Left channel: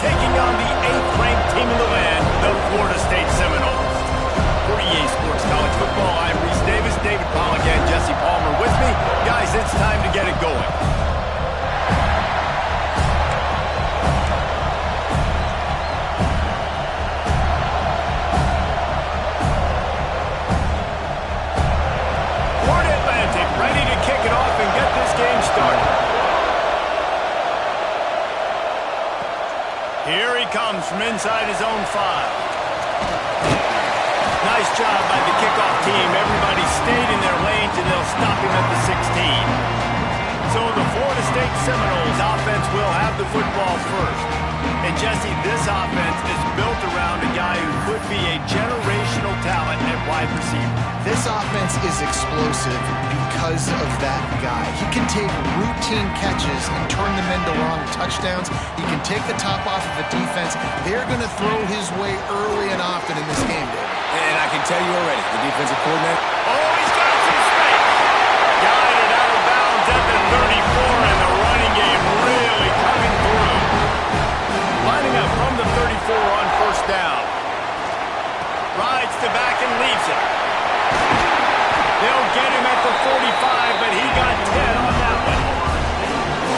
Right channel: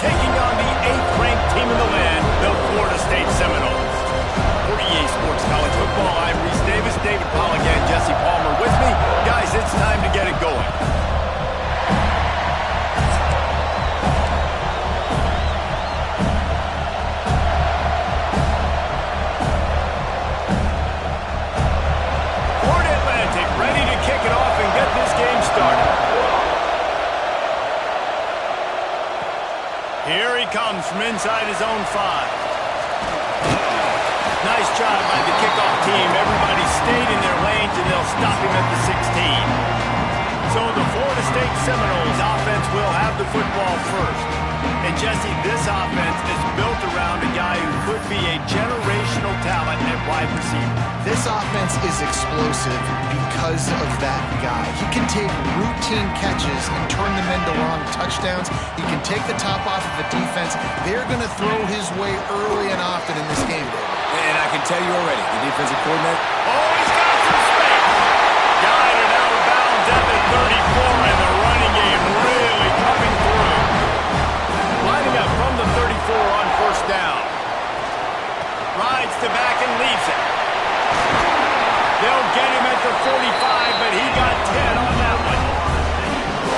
taking on the 8th-ranked team in the land, the Florida State Seminoles. For EA Sports College Football, I'm Reese Davis, David Pollack, and Jesse Palmer with me. Guys, it's time to get it going. Florida Atlantic ready to kick it off and get this game started. Here he comes from inside his own 5. Nice job by the kickoff team. Everybody stayed in their lanes, and they'll stop him at the 16. So the Florida State Seminoles offense will have the football first. And Jesse, this offense is built around a guy who could be a generational talent at wide receiver. This offense is explosive because of that guy. He can take routine catches and turn them into long touchdowns. He can take the top off of the defense. They're going to throw his way early and often in this game, David. And I can tell you already, the defensive coordinator... Oh, he's got some space. Guided out of bounds at the 34, and the running game really coming through. Lining up from the 34 on first down. Rides to back and leaves it. They'll get him at the 45, but he got 10 on that one.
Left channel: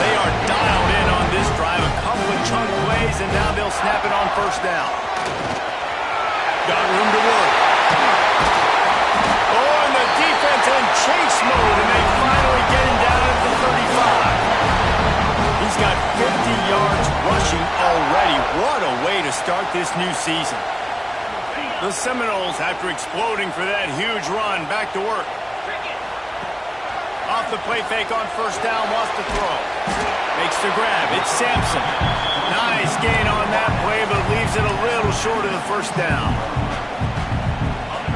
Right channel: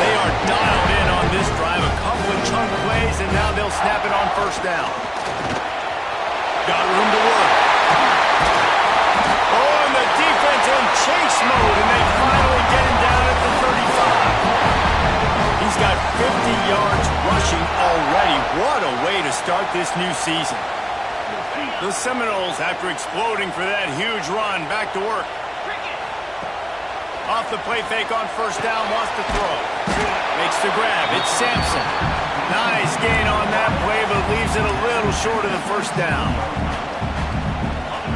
They are dialed in on this drive. A couple of chunk plays, and now they'll snap it on first down. Got room to work. Oh, and the defense in chase mode, and they finally get him down at the 35. He's got 50 yards rushing already. What a way to start this new season. The Seminoles, after exploding for that huge run, back to work. Off the play fake on first down, wants to throw. Makes the grab. It's Sampson. Nice gain on that play, but leaves it a little short of the first down.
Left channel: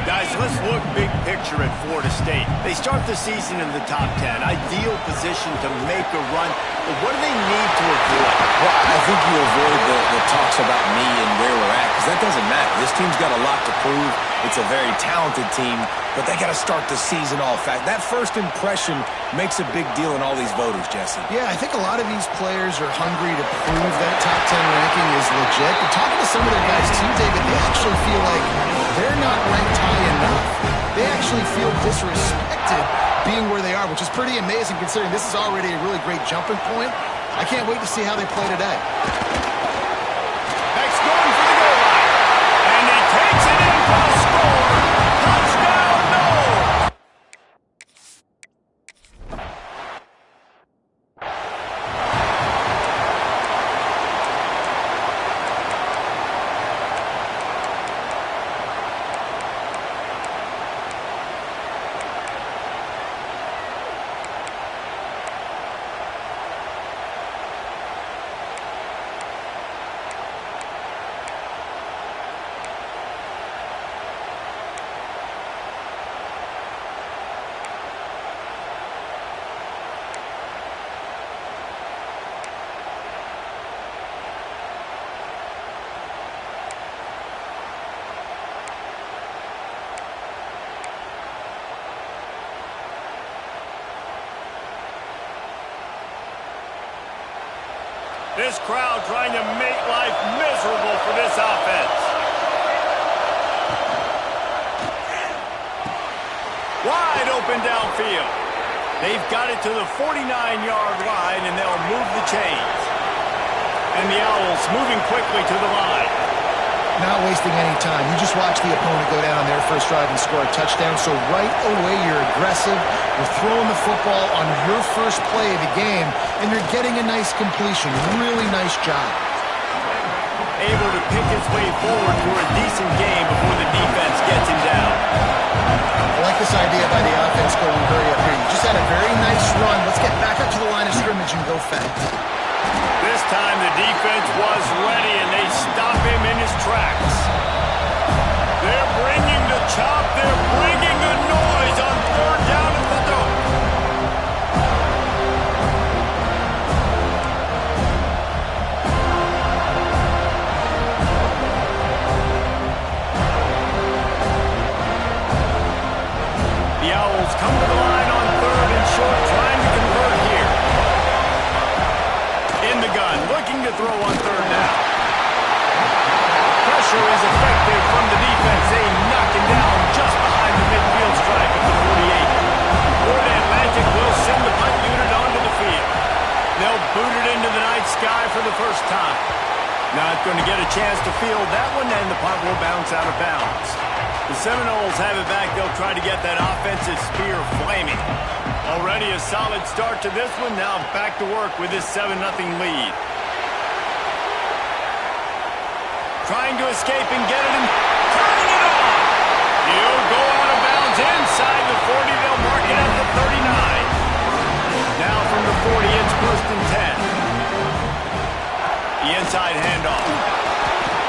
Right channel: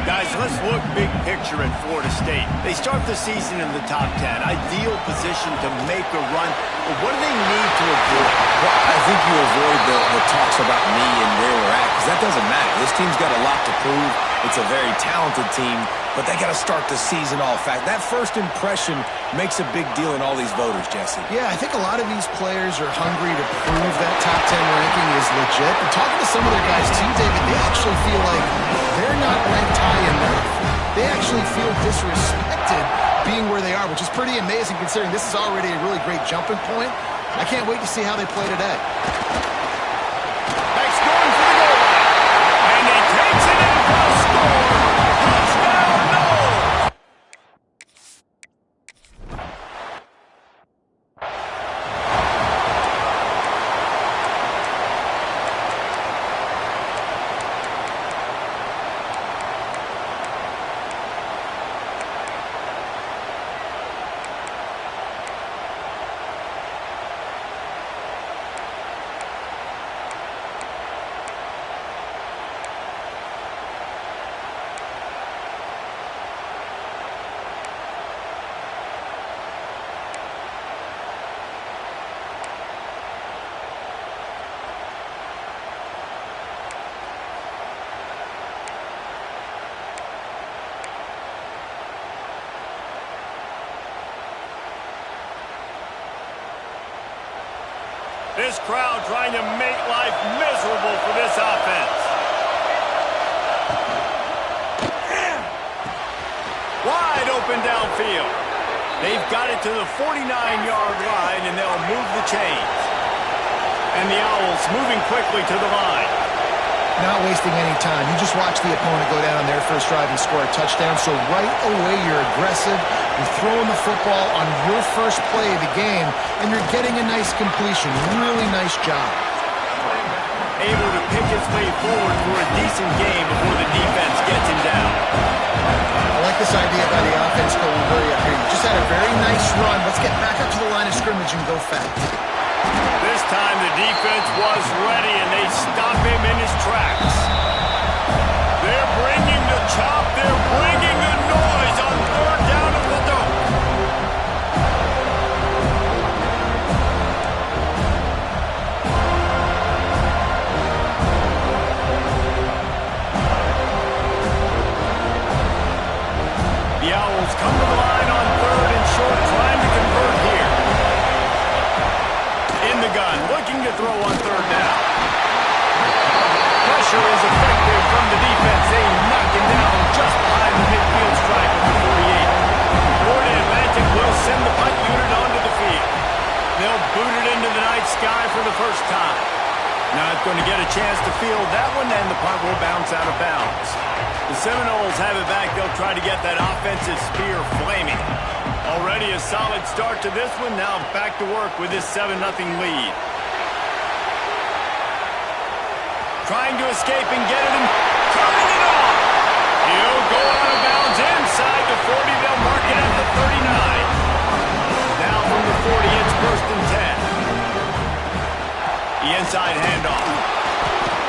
Guys, let's look big picture at Florida State. They start the season in the top 10. Ideal position to make a run. But what do they need to avoid? Well, I think you avoid the talks about me and where we're at, because that doesn't matter. This team's got a lot to prove. It's a very talented team, but they got to start the season off. That first impression makes a big deal in all these voters, Jesse. Yeah, I think a lot of these players are hungry to prove that top 10 ranking is legit. But talking to some of their guys too, David, they actually feel like they're not ranked high enough. They actually feel disrespected being where they are, which is pretty amazing considering this is already a really great jumping point. I can't wait to see how they play today. Next going for the goal line. And he takes it in for the score. Touchdown, Noles! This crowd trying to make life miserable for this offense. Wide open downfield. They've got it to the 49-yard line, and they'll move the chains. And the Owls moving quickly to the line. Not wasting any time. You just watch the opponent go down on their first drive and score a touchdown. So right away, you're aggressive. You're throwing the football on your first play of the game, and you're getting a nice completion. Really nice job. Able to pick his way forward for a decent game before the defense gets him down. I like this idea by the offense going hurry up here. You just had a very nice run. Let's get back up to the line of scrimmage and go fast. This time the defense was ready, and they stop him in his tracks. They're bringing the chop. They're bringing the noise on third down at the dope. The Owls come to the line on third and short, trying to convert here. In the gun, looking to throw on third down. pressure is effective from the defense. They knock him down just behind the midfield stripe at the 48. Florida Atlantic will send the punt unit onto the field. They'll boot it into the night sky for the first time. Not going to get a chance to field that one, and the punt will bounce out of bounds. The Seminoles have it back. They'll try to get that offensive spear flaming. Already a solid start to this one. Now back to work with this 7-0 lead. Trying to escape and get it, and turning it on. He'll go out of bounds inside the 40. They'll mark it at the 39. Now from the 40, it's 1st and 10. The inside handoff.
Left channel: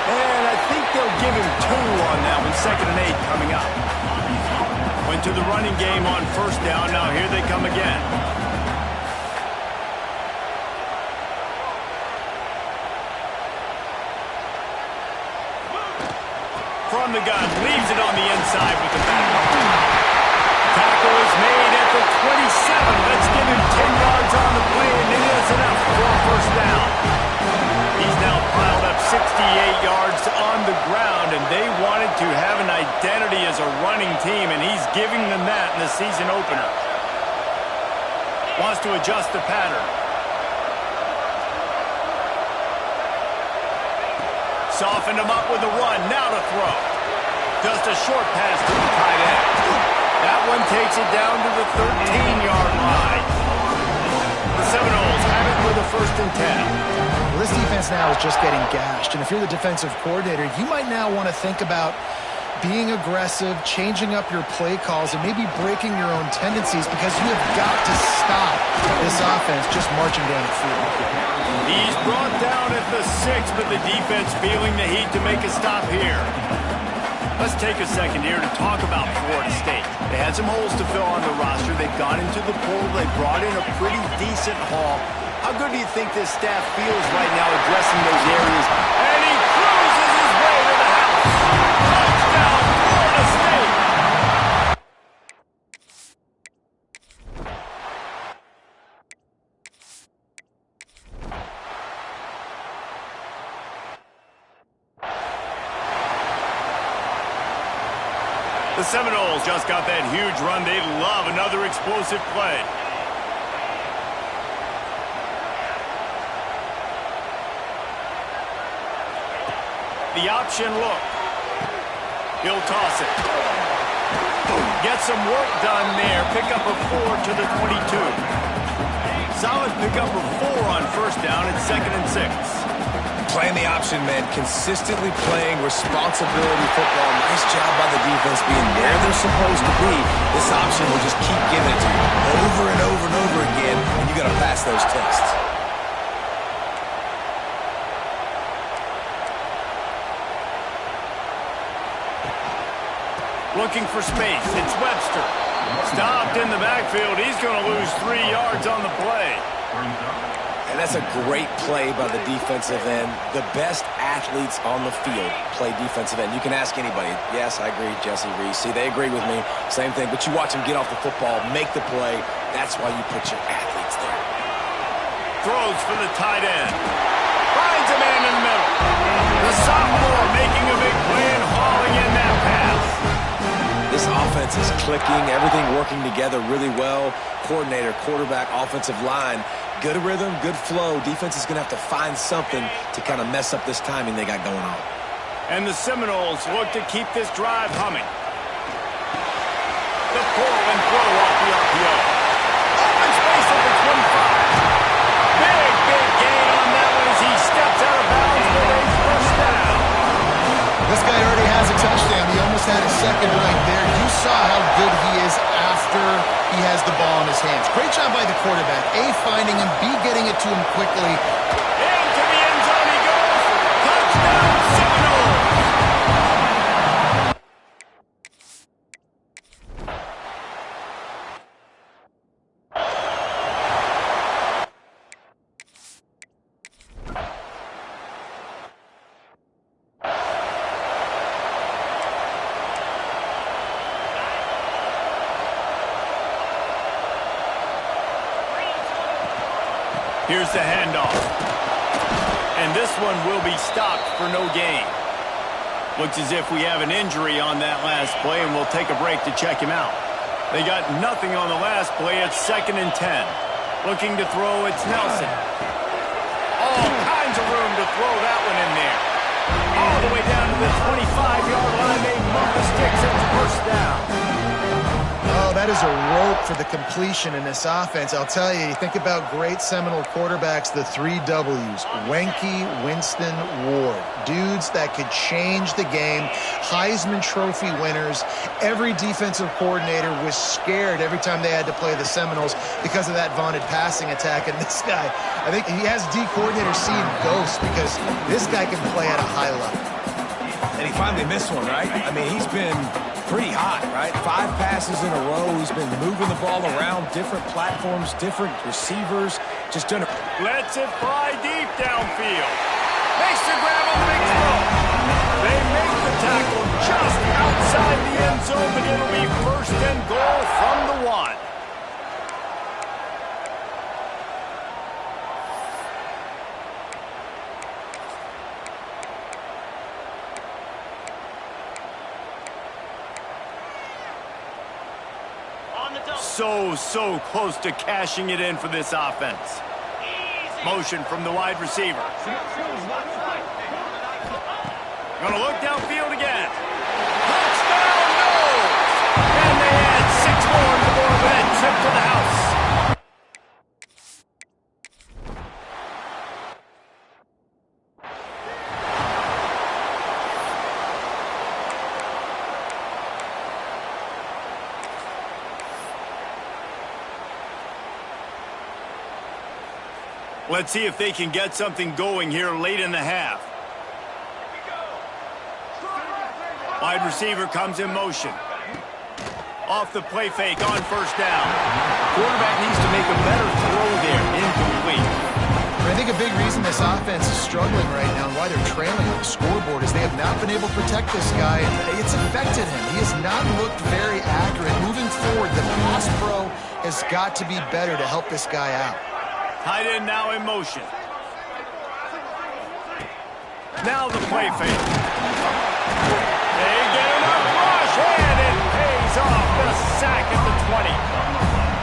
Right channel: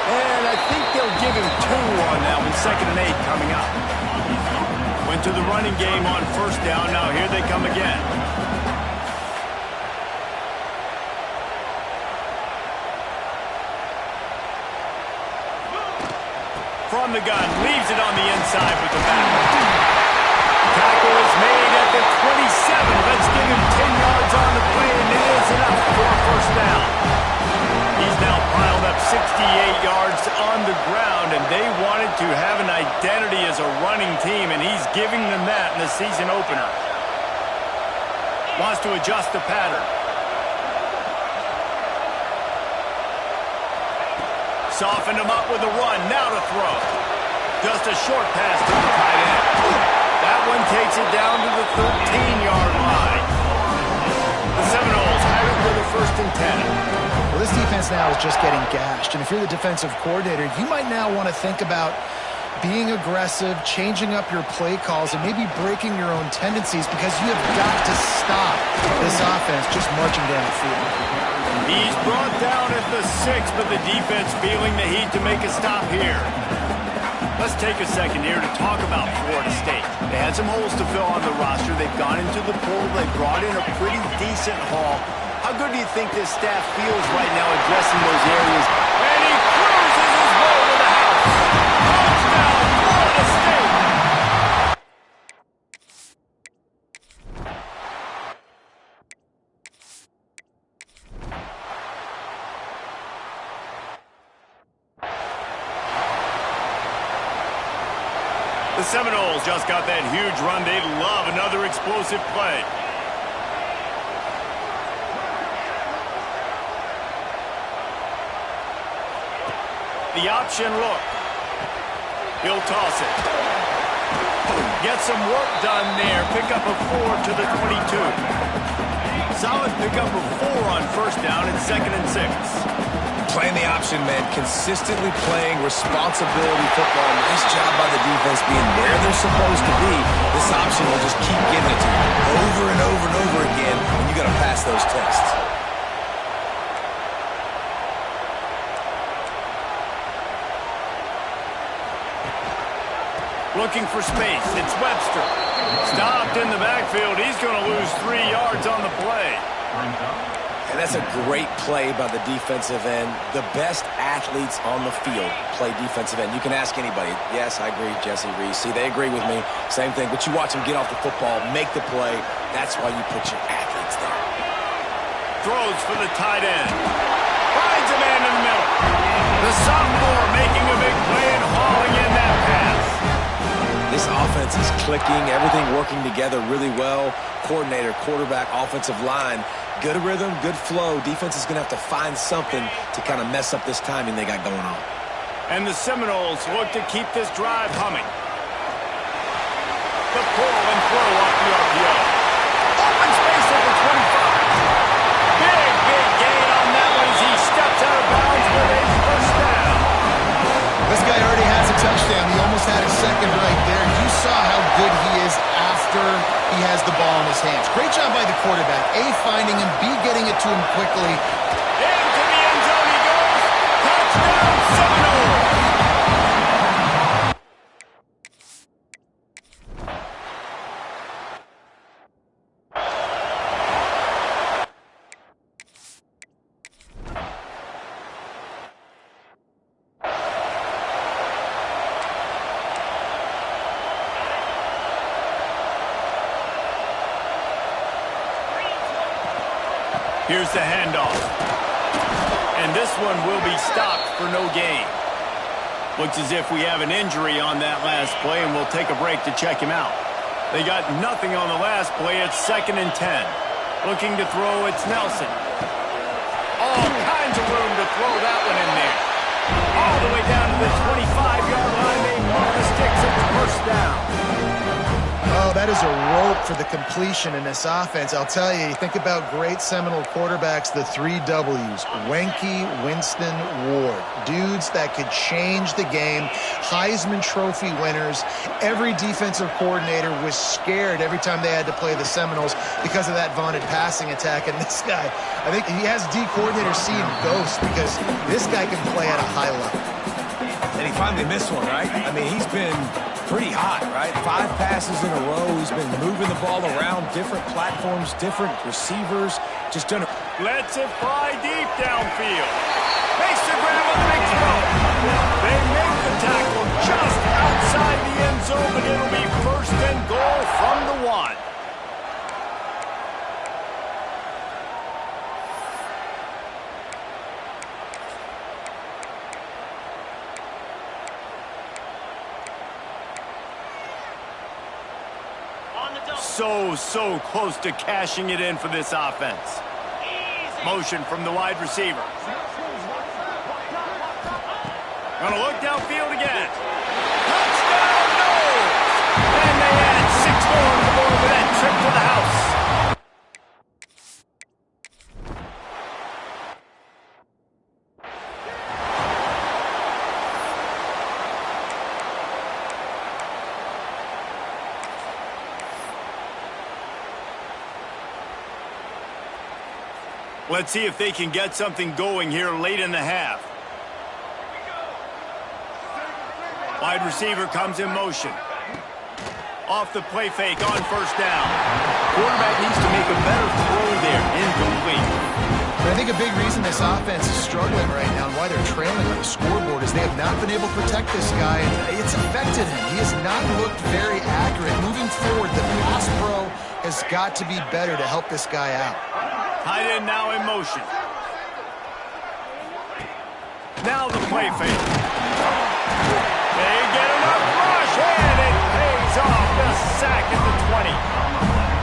And I think they'll give him 2 on that one. 2nd and 8 coming up. Went to the running game on 1st down. Now here they come again. From the gun, leaves it on the inside with the back. Tackle is made at the 27. Let's give him 10 yards on the play, and it is enough for a 1st down. He's now piled up 68 yards on the ground, and they wanted to have an identity as a running team, and he's giving them that in the season opener. Wants to adjust the pattern. Softened him up with a run, now to throw. Just a short pass to the tight end. That one takes it down to the 13-yard line. The Seminoles have it with a 1st and 10. Well, this defense now is just getting gashed, and if you're the defensive coordinator, you might now want to think about being aggressive, changing up your play calls, and maybe breaking your own tendencies, because you have got to stop this offense just marching down the field. He's brought down at the 6, but the defense feeling the heat to make a stop here. Let's take a second here to talk about Florida State. They had some holes to fill on the roster. They've gone into the portal. They brought in a pretty decent haul. How good do you think this staff feels right now addressing those areas? And he cruises his way to the house. Touchdown, Florida State! The Seminoles just got that huge run. They love another explosive play. The option look. He'll toss it. Get some work done there. Pick up a 4 to the 22. Solid pickup of 4 on 1st down and 2nd and 6. Playing the option, man. Consistently playing responsibility football. Nice job by the defense being where they're supposed to be. This option will just keep giving it to you over and over and over again, and you got to pass those tests. Looking for space. It's Webster. Stopped in the backfield. He's going to lose 3 yards on the play. And that's a great play by the defensive end. The best athletes on the field play defensive end. You can ask anybody. Yes, I agree, Jesse Reese. See, they agree with me. Same thing. But you watch them get off the football, make the play. That's why you put your athletes there. Throws for the tight end. Finds a man in the middle. The sophomore making a big play and hauling in that pass. This offense is clicking, everything working together really well. Coordinator, quarterback, offensive line, good rhythm, good flow. Defense is going to have to find something to kind of mess up this timing they got going on. And the Seminoles look to keep this drive humming. The pull and throw off the RPO. Open space at the 25. Big gain on that one as he steps out of bounds with a 1st down. This guy already has a touchdown. He almost had a second right there. You saw how good he is after he has the ball in his hands. Great job by the quarterback. A, finding him. B, getting it to him quickly. Into the end zone he goes. Touchdown, Seminoles. Here's the handoff. And this one will be stopped for no gain. Looks as if we have an injury on that last play, and we'll take a break to check him out. They got nothing on the last play. It's 2nd and 10. Looking to throw, it's Nelson. All kinds of room to throw that one in there. All the way down to the 25-yard line. They move the sticks. It's first down. Oh, that is a rope for the completion in this offense. I'll tell you, think about great Seminole quarterbacks, the 3 W's. Wenke, Winston, Ward. Dudes that could change the game. Heisman Trophy winners. Every defensive coordinator was scared every time they had to play the Seminoles because of that vaunted passing attack. And this guy, I think he has D coordinators seeing ghosts because this guy can play at a high level. And he finally missed one, right? I mean, he's been pretty hot, right? 5 passes in a row. He's been moving the ball around different platforms, different receivers. Just done it. Lets it fly deep downfield. Makes the grab on the big throw. They make the tackle just outside the end zone, but it'll be 1st and goal from the 1. So close to cashing it in for this offense. Motion from the wide receiver. Gonna look downfield again. Touchdown, no! And they add 6 more on the board with that trip to the house. Let's see if they can get something going here late in the half. Wide receiver comes in motion. Off the play fake on 1st down. Quarterback needs to make a better throw there. Incomplete. But I think a big reason this offense is struggling right now and why they're trailing on the scoreboard is they have not been able to protect this guy, and it's affected him. He has not looked very accurate. Moving forward, the pass pro has got to be better to help this guy out. Tight end now in motion. Now the play fake. They get enough rush, and it pays off. The sack at the 20.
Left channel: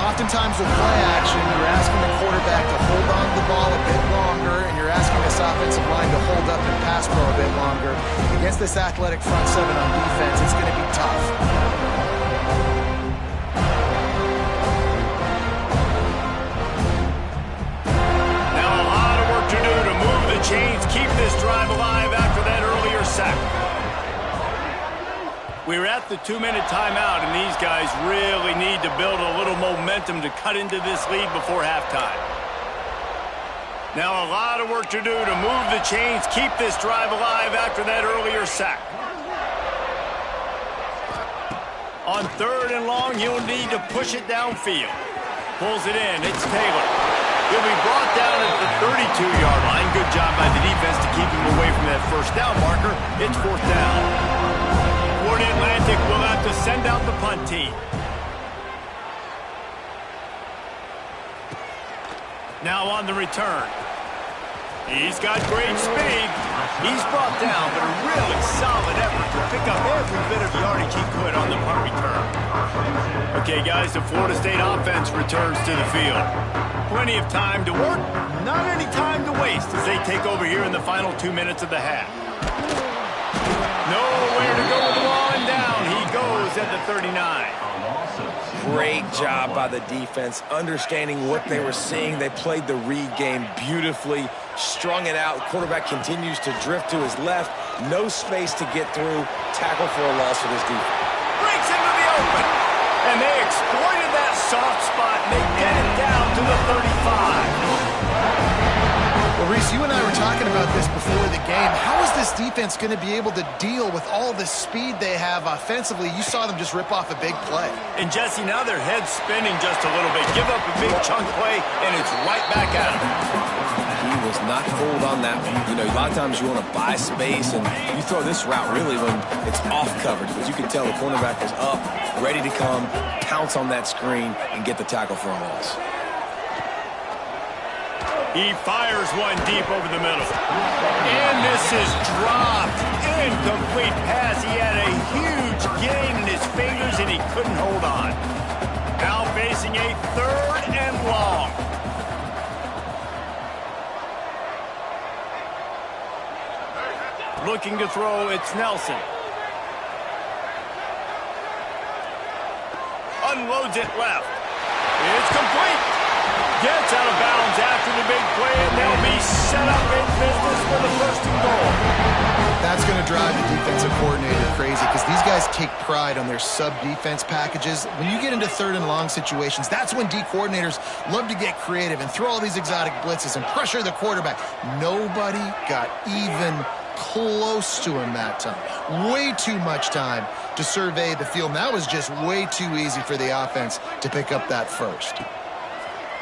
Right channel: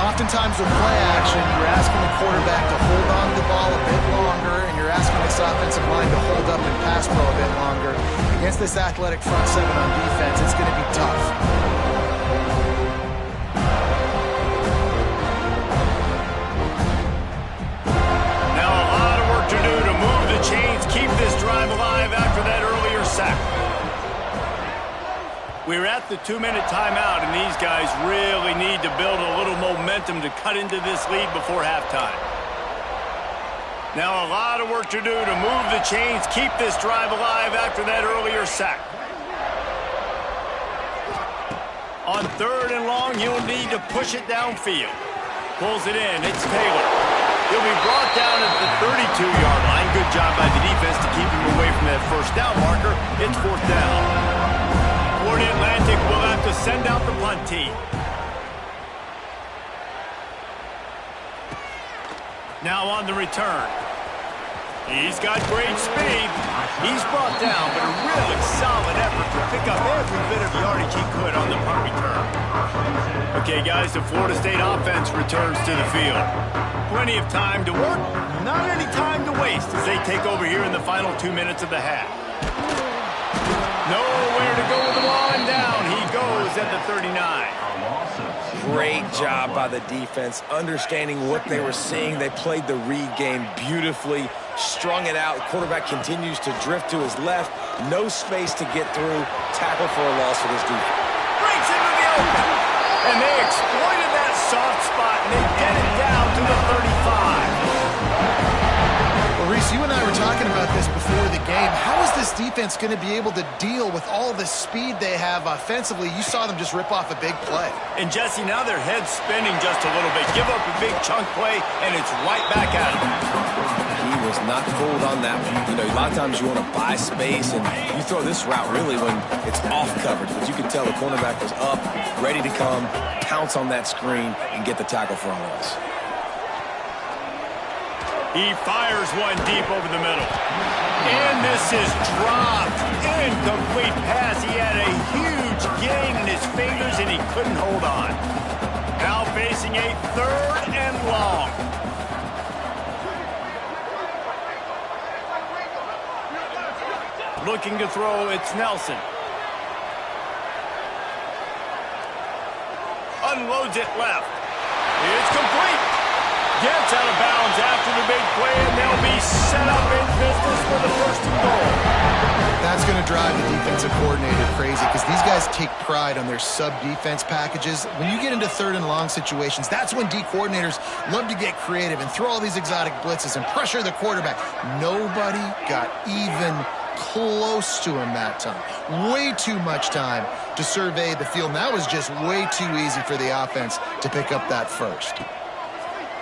Oftentimes with play action, you're asking the quarterback to hold on to the ball a bit longer, and you're asking this offensive line to hold up and pass pro a bit longer. Against this athletic front 7 on defense, it's going to be tough. Chains keep this drive alive after that earlier sack. We're at the 2-minute timeout, and these guys really need to build a little momentum to cut into this lead before halftime. Now a lot of work to do to move the chains, keep this drive alive after that earlier sack. On 3rd and long, he'll need to push it downfield. Pulls it in. It's Taylor. He'll be brought down at the 32-yard line. Good job by the defense to keep him away from that 1st down marker. It's 4th down. Florida Atlantic will have to send out the punt team. Now on the return. He's got great speed. He's brought down, but a really solid effort to pick up every bit of yardage he could on the punt return. Okay, guys, the Florida State offense returns to the field. Plenty of time to work, not any time to waste as they take over here in the final 2 minutes of the half. Nowhere to go with the ball, and down he goes at the 39. Great job by the defense, understanding what they were seeing. They played the read game beautifully, strung it out. Quarterback continues to drift to his left. No space to get through. Tackle for a loss for this defense. Breaks into the open. And they exploited that soft spot, and they get it down to the 35. Well, Reese, you and I were talking about this before the game. How is this defense going to be able to deal with all the speed they have offensively? You saw them just rip off a big play. And, Jesse, now their head's spinning just a little bit. Give up a big chunk play, and it's right back at them. He was not fooled on that one. You know, a lot of times you want to buy space, and you throw this route really when it's off coverage. But you can tell the cornerback was up, ready to come, pounce on that screen, and get the tackle for a loss. He fires one deep over the middle. And this is dropped. Incomplete pass. He had a huge gain in his fingers, and he couldn't hold on. Now facing a 3rd and long. Looking to throw, it's Nelson. Unloads it left. It's complete. Gets out of bounds after the big play, and they'll be set up in business for the 1st and goal. That's going to drive the defensive coordinator crazy because these guys take pride on their sub-defense packages. When you get into 3rd and long situations, that's when D coordinators love to get creative and throw all these exotic blitzes and pressure the quarterback. Nobody got even close to him that time. Way too much time to survey the field. And that was just way too easy for the offense to pick up that first.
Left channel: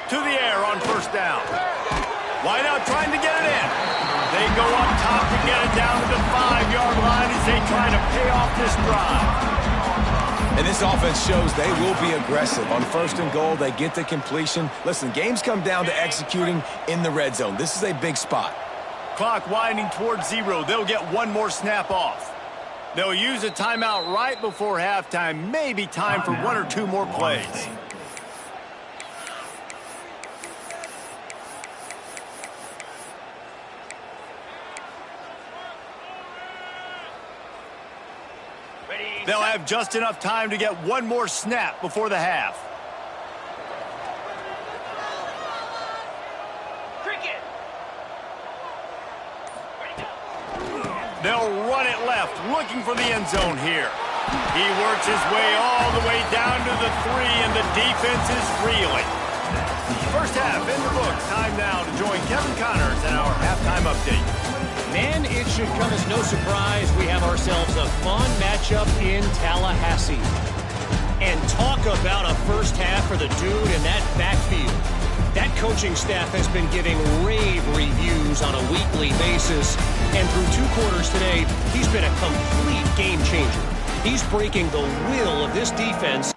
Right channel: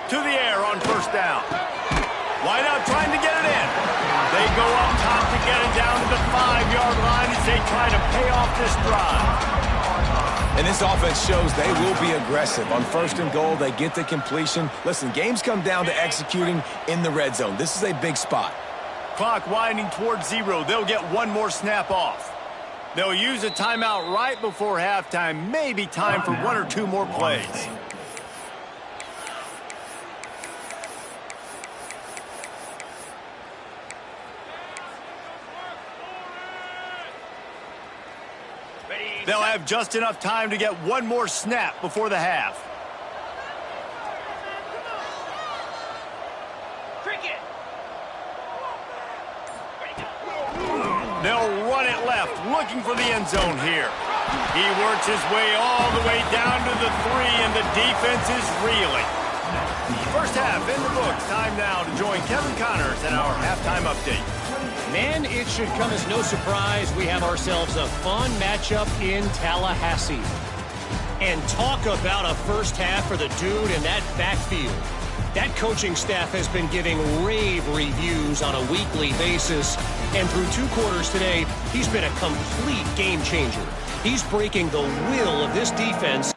To the air on 1st down. Wide out trying to get it in. They go up top to get it down to the 5-yard line as they try to pay off this drive. And this offense shows they will be aggressive. On 1st and goal, they get the completion. Listen, games come down to executing in the red zone. This is a big spot. Clock winding towards 0. They'll get one more snap off. They'll use a timeout right before halftime. Maybe time for 1 or 2 more plays. They'll have just enough time to get one more snap before the half. They'll run it left, looking for the end zone here. He works his way all the way down to the 3, and the defense is reeling. 1st half in the books. Time now to join Kevin Connors in our halftime update. Man, it should come as no surprise we have ourselves a fun matchup in Tallahassee. And talk about a 1st half for the dude in that backfield. That coaching staff has been giving rave reviews on a weekly basis. And through 2 quarters today, he's been a complete game changer. He's breaking the will of this defense.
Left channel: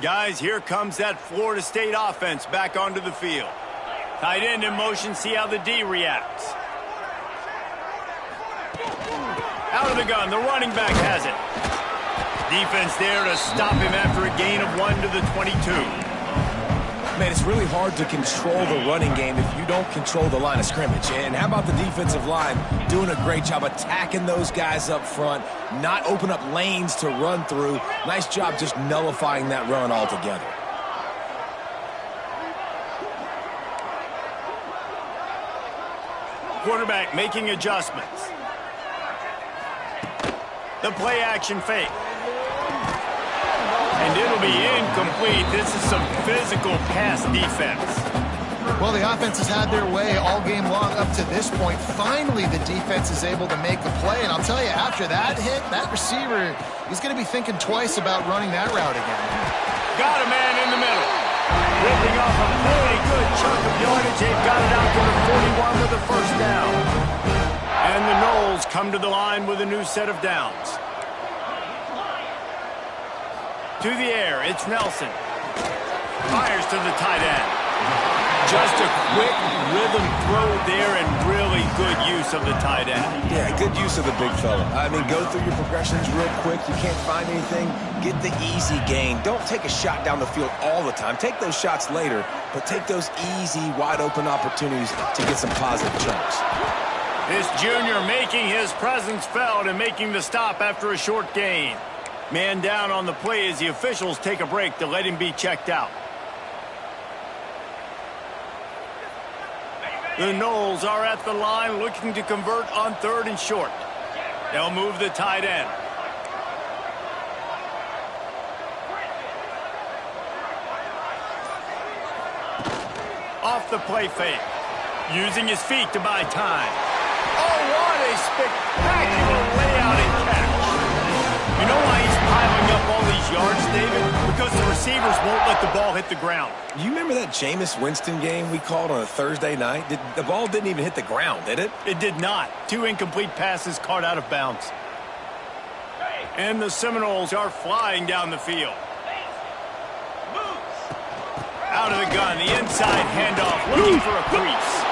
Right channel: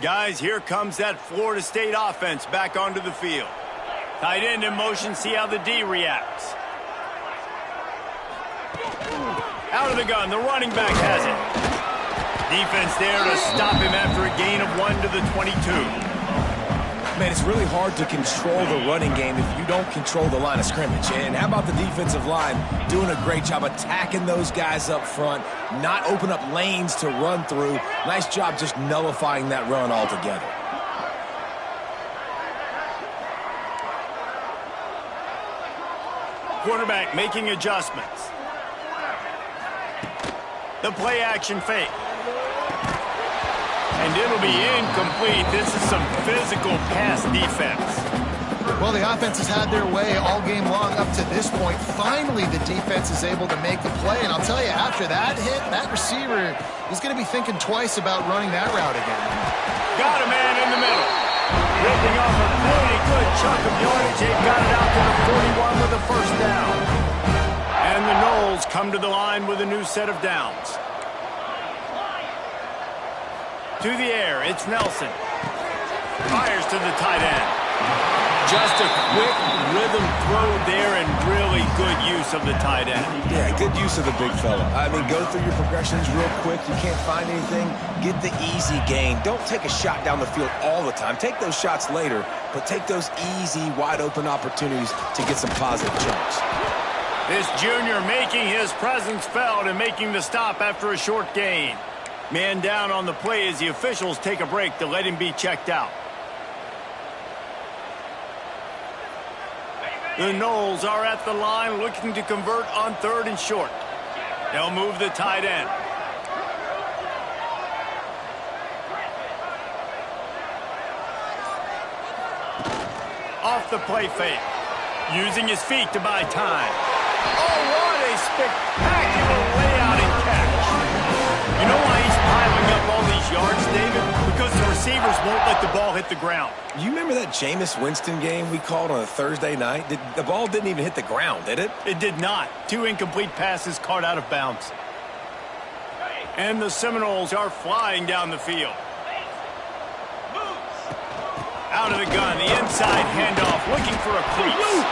Guys, here comes that Florida State offense back onto the field. Tight end in motion, see how the D reacts. Out of the gun, the running back has it. Defense there to stop him after a gain of 1 to the 22. Man, it's really hard to control the running game if you don't control the line of scrimmage. And how about the defensive line doing a great job attacking those guys up front, not open up lanes to run through. Nice job just nullifying that run altogether. Quarterback making adjustments. The play action fake. And it'll be incomplete. This is some physical pass defense. Well, the offense has had their way all game long up to this point. Finally, the defense is able to make the play. And I'll tell you, after that hit, that receiver, he's going to be thinking twice about running that route again. Got a man in the middle. Ripping off a really good chunk of yardage. They've got it out to the 41 with a 1st down. And the Noles come to the line with a new set of downs. To the air, it's Nelson. Fires to the tight end. Just a quick rhythm throw there and really good use of the tight end. Yeah, good use of the big fella. I mean, go through your progressions real quick. You can't find anything. Get the easy gain. Don't take a shot down the field all the time. Take those shots later, but take those easy, wide-open opportunities to get some positive jumps. This junior making his presence felt and making the stop after a short gain. Man down on the play as the officials take a break to let him be checked out. The Noles are at the line looking to convert on 3rd and short. They'll move the tight end. Off the play fake. Using his feet to buy time. Oh, what a spectacular layout and catch. You know why he's piling up all these yards, David, because the receivers won't let the ball hit the ground. You remember that Jameis Winston game we called on a Thursday night? The ball didn't even hit the ground, did it? It did not. 2 incomplete passes caught out of bounds. And the Seminoles are flying down the field. Out of the gun, the inside handoff, looking for a crease.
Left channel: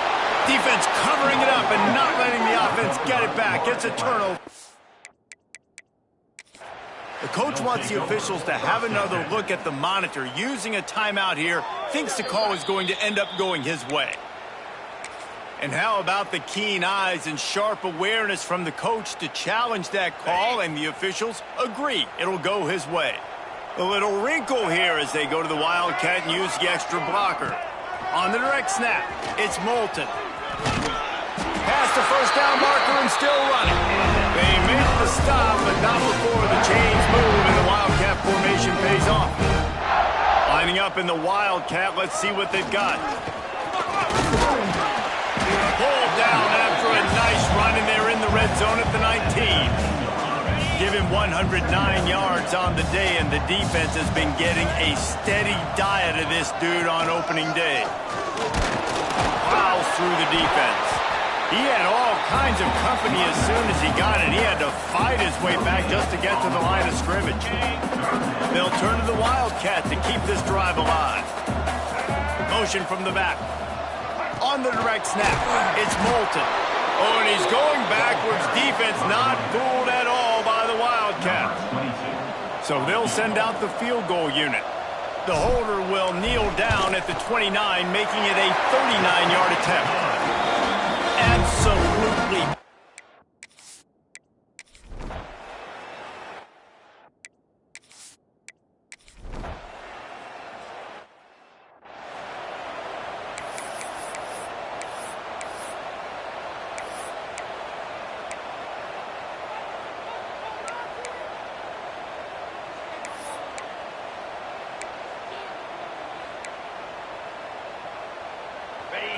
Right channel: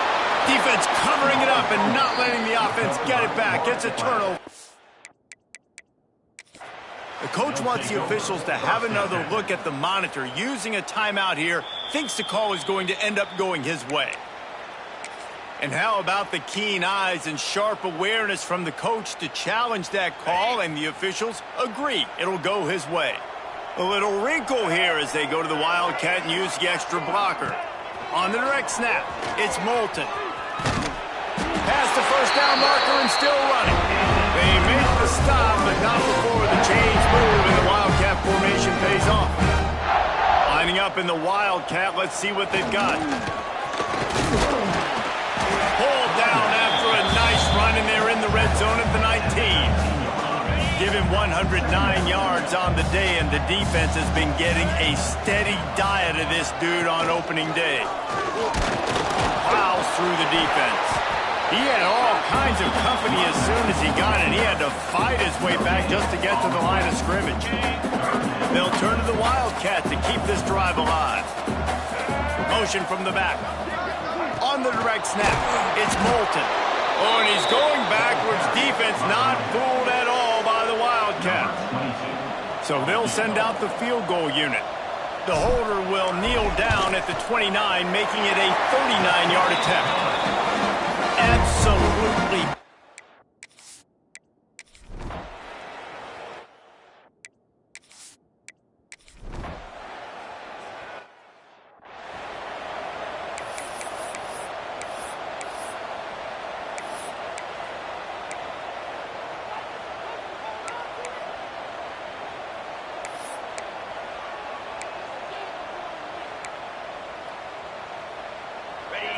Defense covering it up and not letting the offense get it back. It's a turnover. The coach wants the officials to have another look at the monitor. Using a timeout here, thinks the call is going to end up going his way. And how about the keen eyes and sharp awareness from the coach to challenge that call, and the officials agree it'll go his way. A little wrinkle here as they go to the Wildcat and use the extra blocker. On the direct snap, it's Moulton. Past the first down marker and still running. They make the stop, but not before the chains move and the Wildcat formation pays off. Lining up in the Wildcat, let's see what they've got. Pulled down after a nice run, and they're in the red zone at the 19. Give him 109 yards on the day, and the defense has been getting a steady diet of this dude on opening day. Plows through the defense. He had all kinds of company as soon as he got it. He had to fight his way back just to get to the line of scrimmage. They'll turn to the Wildcat to keep this drive alive. Motion from the back. On the direct snap, it's Moulton. Oh, and he's going backwards. Defense not fooled at all by the Wildcat. So they'll send out the field goal unit. The holder will kneel down at the 29, making it a 39-yard attempt. Absolutely.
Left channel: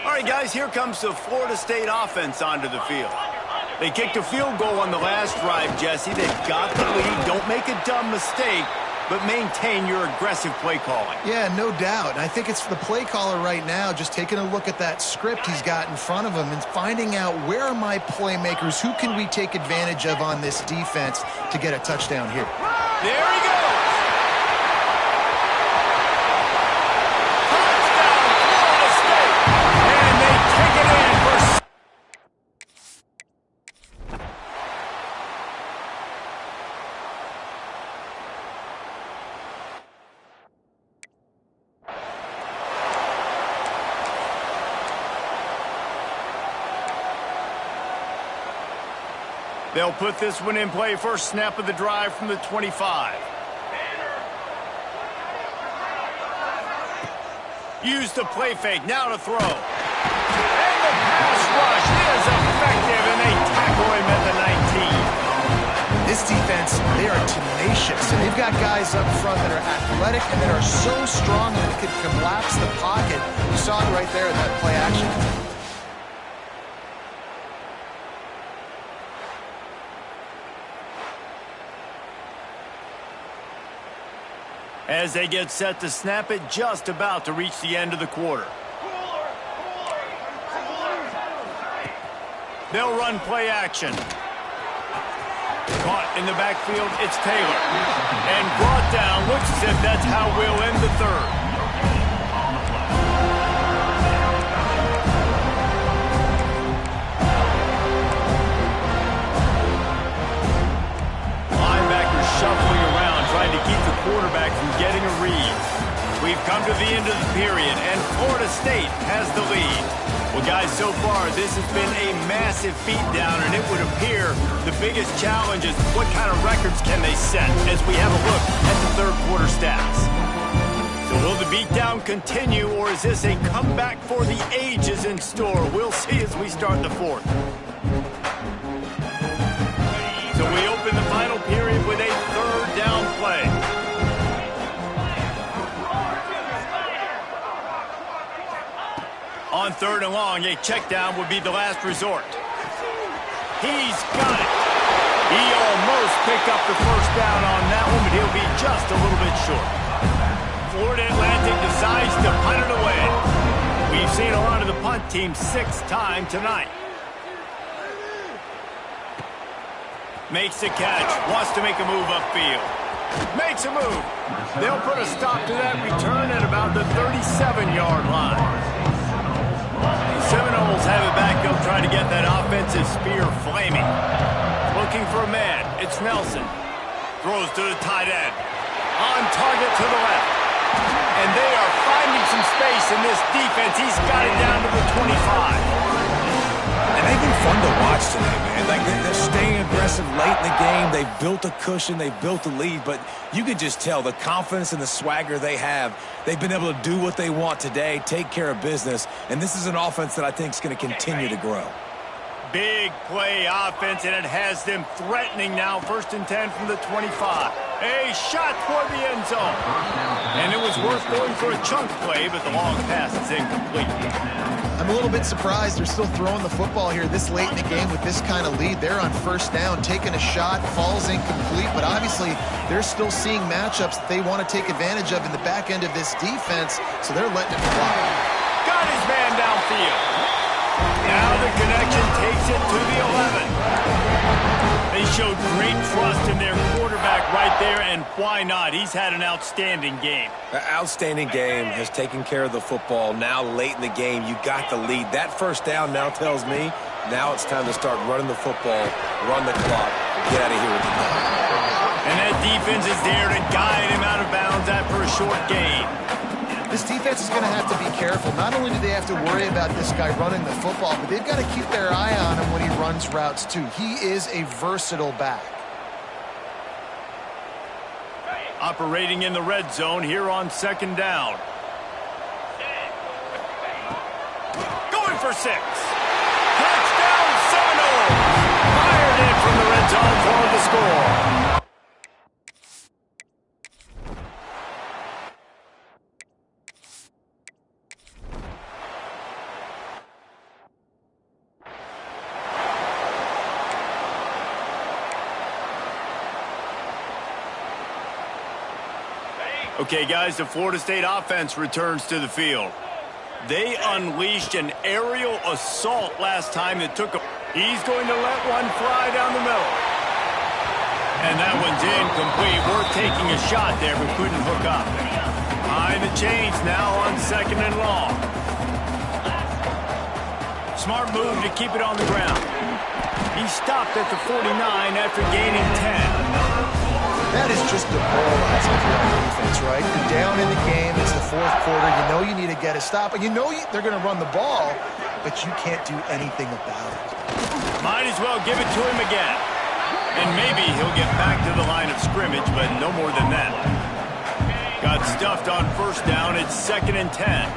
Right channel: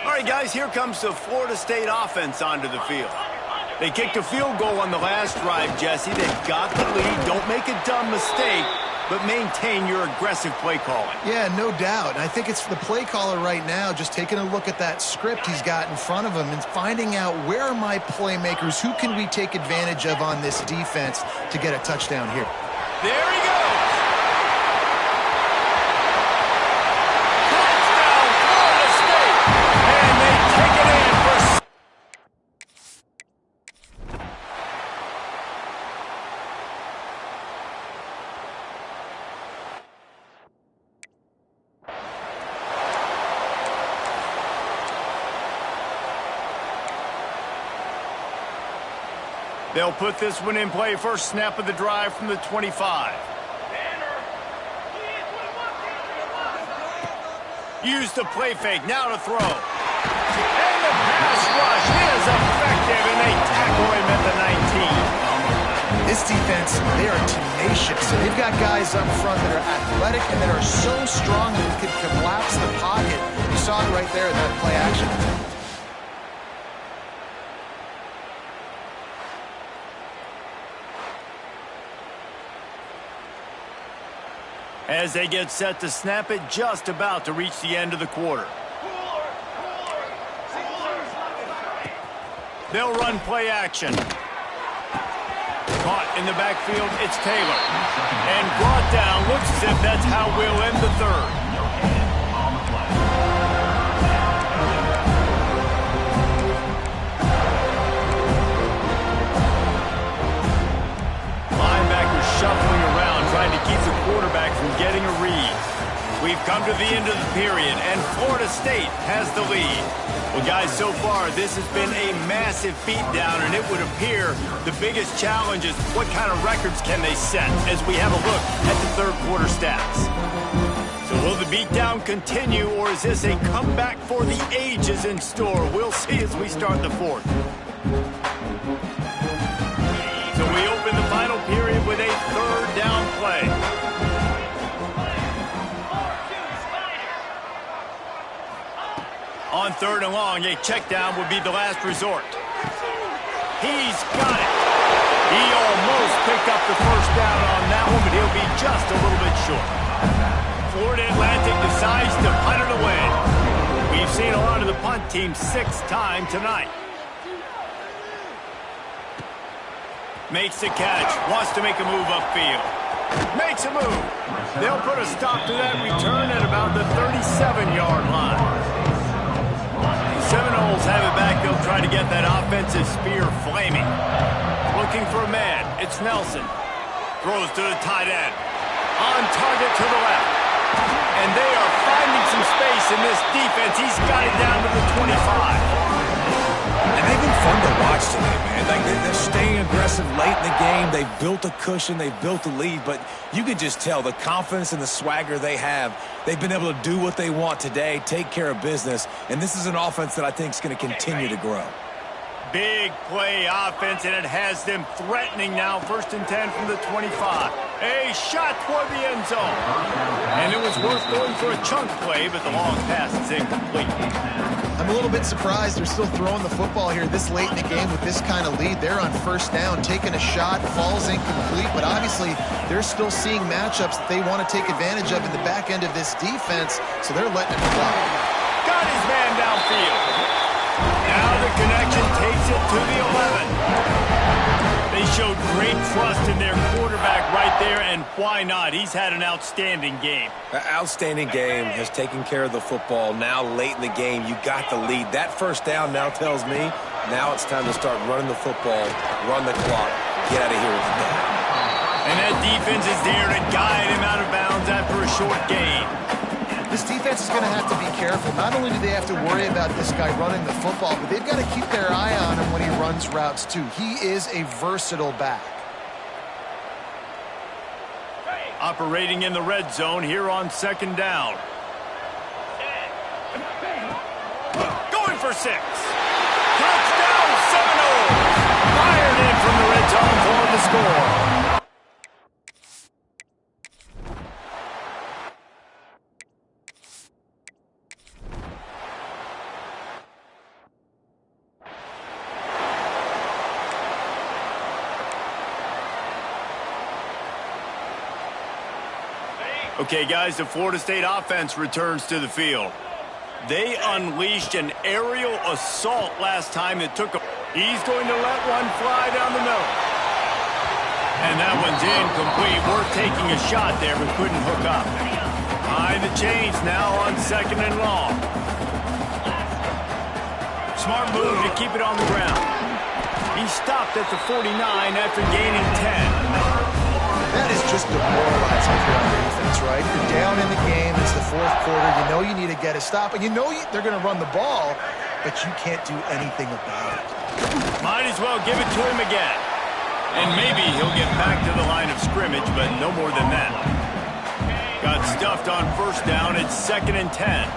All right, guys, here comes the Florida State offense onto the field. They kicked a field goal on the last drive, Jesse. They've got the lead. Don't make a dumb mistake, but maintain your aggressive play calling. Yeah, no doubt. I think it's the play caller right now just taking a look at that script he's got in front of him and finding out where are my playmakers, who can we take advantage of on this defense to get a touchdown here. There he goes. Take it in for... They'll put this one in play. First snap of the drive from the 25. Use the play fake. Now to throw. And the pass rush is effective, and they tackle him at the 19. This defense, they are tenacious, and they've got guys up front that are athletic and that are so strong that we could collapse the pocket. You saw it right there in that play action. As they get set to snap it, just about to reach the end of the quarter. They'll run play action. Caught in the backfield, it's Taylor. And brought down, looks as if that's how we'll end the third. Linebackers shuffling around, trying to keep the quarterback from getting a read. We've come to the end of the period, and Florida State has the lead. Well, guys, so far, this has been a massive beatdown, and it would appear the biggest challenge is what kind of records can they set as we have a look at the third quarter stats. So will the beatdown continue, or is this a comeback for the ages in store? We'll see as we start the fourth. So we open the final period with a third down play. On third and long, a check down would be the last resort. He's got it. He almost picked up the first down on that one, but he'll be just a little bit short. Florida Atlantic decides to punt it away. We've seen a lot of the punt team 6 times tonight. Makes the catch, wants to make a move upfield. Makes a move. They'll put a stop to that return at about the 37-yard line. The Seminoles have it back. They'll try to get that offensive spear flaming. Looking for a man. It's Nelson. Throws to the tight end. On target to the left. And they are finding some space in this defense. He's got it down to the 25. And they've been fun to watch today, man. Like they're staying aggressive late in the game. They've built a cushion. They've built a lead. But you can just tell the confidence and the swagger they have. They've been able to do what they want today, take care of business. And this is an offense that I think is going to continue to grow. Big play offense, and it has them threatening now. 1st and 10 from the 25. A shot toward the end zone. And it was worth going for a chunk play, but the long pass is incomplete. I'm a little bit surprised they're still throwing the football here this late in the game with this kind of lead. They're on 1st down, taking a shot, falls incomplete, but obviously they're still seeing matchups that they want to take advantage of in the back end of this defense, so they're letting it fly. Got his man downfield. Now the connection takes it to the 11. They showed great trust in their quarterback right there, and why not? He's had an outstanding game. An outstanding game, has taken care of the football. Now late in the game, you got the lead. That 1st down now tells me now it's time to start running the football, run the clock, get out of here with the ball. And that defense is there to guide him out of bounds after a short gain. This defense is going to have to be careful. Not only do they have to worry about this guy running the football, but they've got to keep their eye on him when he runs routes too. He is a versatile back. Operating in the red zone here on 2nd down. Going for 6. Touchdown Seminoles! Fired in from the red zone for the score. Okay, guys, the Florida State offense returns to the field. They unleashed an aerial assault last time that took a... He's going to let one fly down the middle. And that one's incomplete. Worth taking a shot there, but couldn't hook up. Behind the chains now on 2nd and long. Smart move to keep it on the ground. He stopped at the 49 after gaining 10. That is just demoralizing if you're on defense, right? You're down in the game. It's the 4th quarter. You know you need to get a stop, and you know they're going to run the ball, but you can't do anything about it. Might as well give it to him again. And maybe he'll get back to the line of scrimmage, but no more than that. Got stuffed on 1st down. It's 2nd and 10.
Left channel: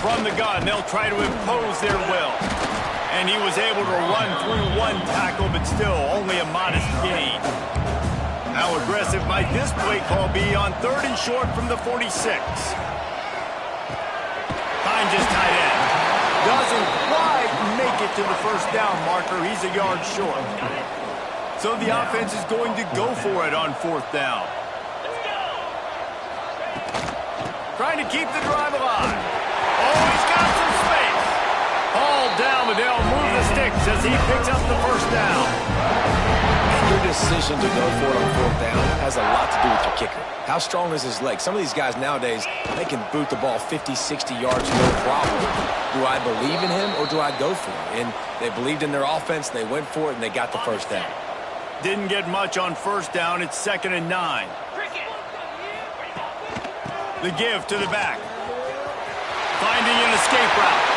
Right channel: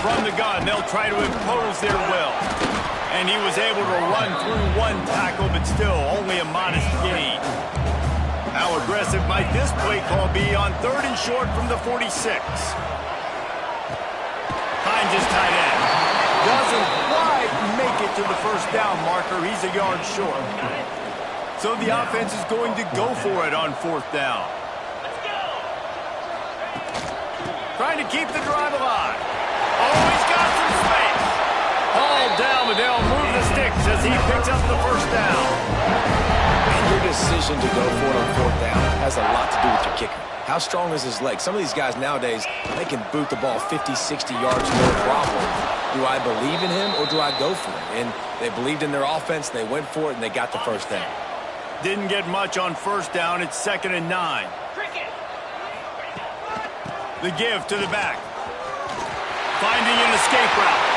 From the gun, they'll try to impose their will. And he was able to run through one tackle, but still only a modest gain. How aggressive might this play call be on 3rd and short from the 46? Finds his tight end. Doesn't quite make it to the 1st down marker. He's a yard short. So the offense is going to go for it on 4th down. Trying to keep the drive alive. Oh, he's got some space. All down, but they'll move the sticks as he picks up the 1st down. And your decision to go for it on 4th down has a lot to do with your kicker. How strong is his leg? Some of these guys nowadays, they can boot the ball 50, 60 yards, no problem. Do I believe in him or do I go for it? And they believed in their offense, they went for it, and they got the 1st down. Didn't get much on 1st down. It's 2nd and 9. The give to the back. Finding an escape route.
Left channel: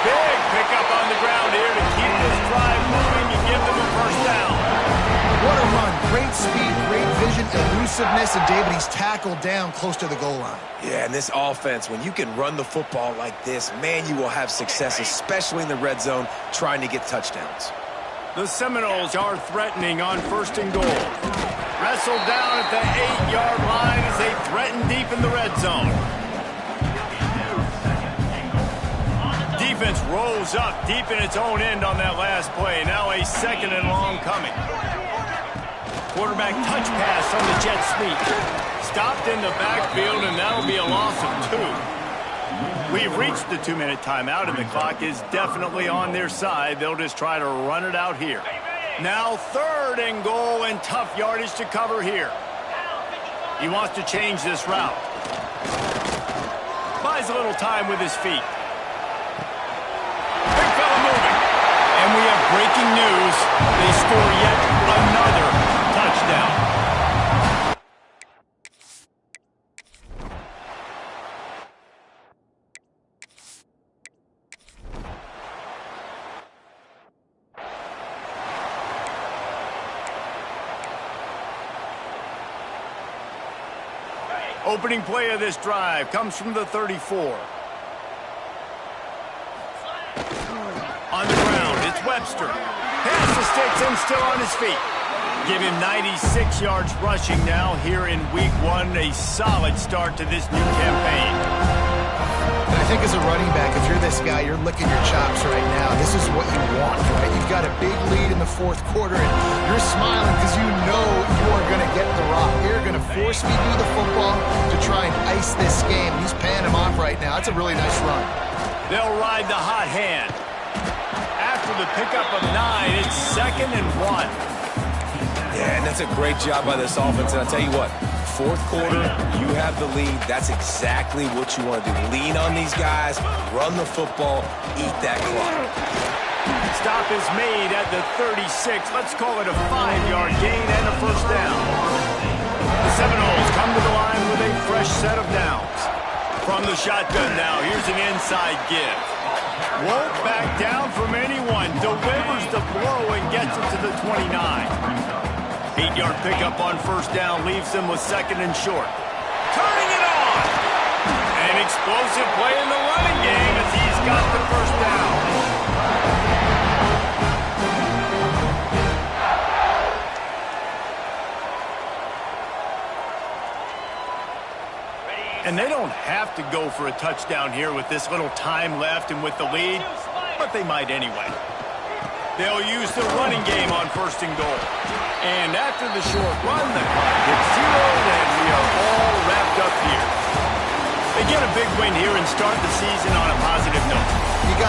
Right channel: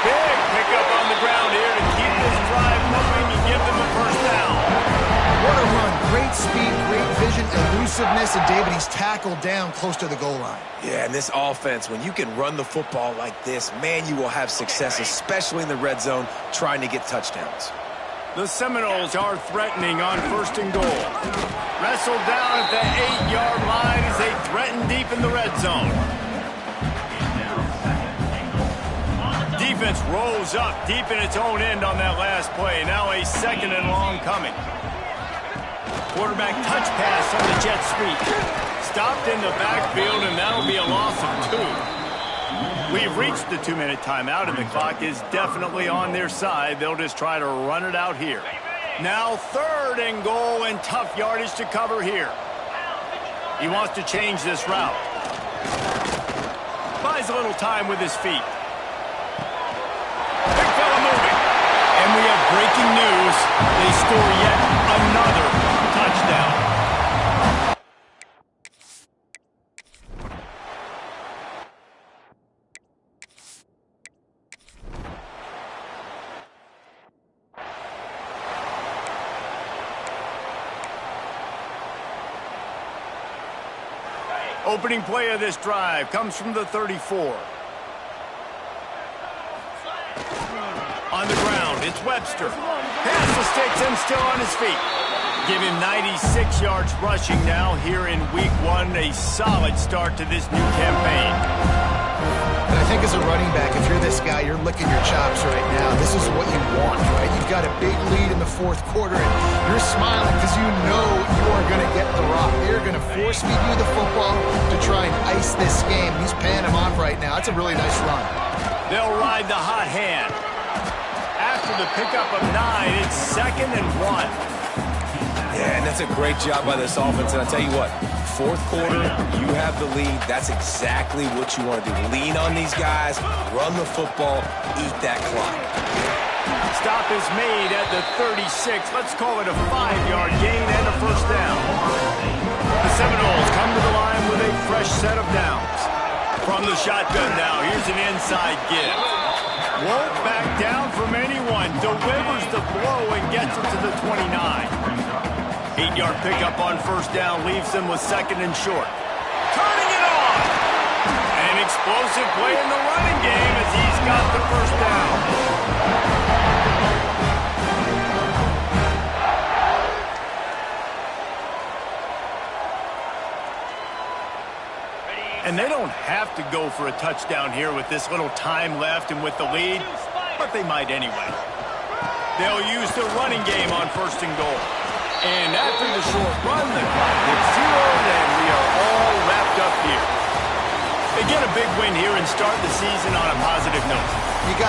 Big pickup on the ground here to keep this drive moving and give them a 1st down. What a run. Great speed, great vision, elusiveness, and David, he's tackled down close to the goal line. Yeah, and this offense, when you can run the football like this, man, you will have success, especially in the red zone, trying to get touchdowns. The Seminoles are threatening on 1st and goal. Wrestled down at the 8-yard line as they threaten deep in the red zone. defense rose up deep in its own end on that last play. Now a 2nd and long coming. Quarterback touch pass on the jet sweep. Stopped in the backfield, and that'll be a loss of 2. We've reached the 2-minute timeout, and the clock is definitely on their side. They'll just try to run it out here. Now 3rd and goal, and tough yardage to cover here. He wants to change this route. Buys a little time with his feet. Big fella moving. And we have breaking news. They score yet another touchdown. Opening play of this drive comes from the 34. On the ground, it's Webster. Pass to sticks him still on his feet. Give him 96 yards rushing now here in week 1. A solid start to this new campaign. And I think as a running back, if you're this guy, you're licking your chops right now. This is what you want, right? You've got a big lead in the 4th quarter, and you're smiling because you know you are going to get the rock. They're going to force-feed you the football to try and ice this game. He's paying him off right now. That's a really nice run. They'll ride the hot hand. After the pickup of 9, it's 2nd and 1. Yeah, and that's a great job by this offense. And I'll tell you what, 4th quarter, you have the lead. That's exactly what you want to do. Lean on these guys, run the football, eat that clock. Stop is made at the 36. Let's call it a 5-yard gain and a 1st down. The Seminoles come to the line with a fresh set of downs. From the shotgun now, here's an inside give. Won't back down from anyone. Delivers the blow and gets it to the 29. 8-yard pickup on 1st down leaves them with 2nd and short. Turning it on! An explosive play in the running game as he's got the 1st down. And they don't have to go for a touchdown here with this little time left and with the lead, but they might anyway. They'll use the running game on 1st and goal. And after the short run, the clock gets zeroed, and we are all wrapped up here. They get a big win here and start the season on a positive note. You got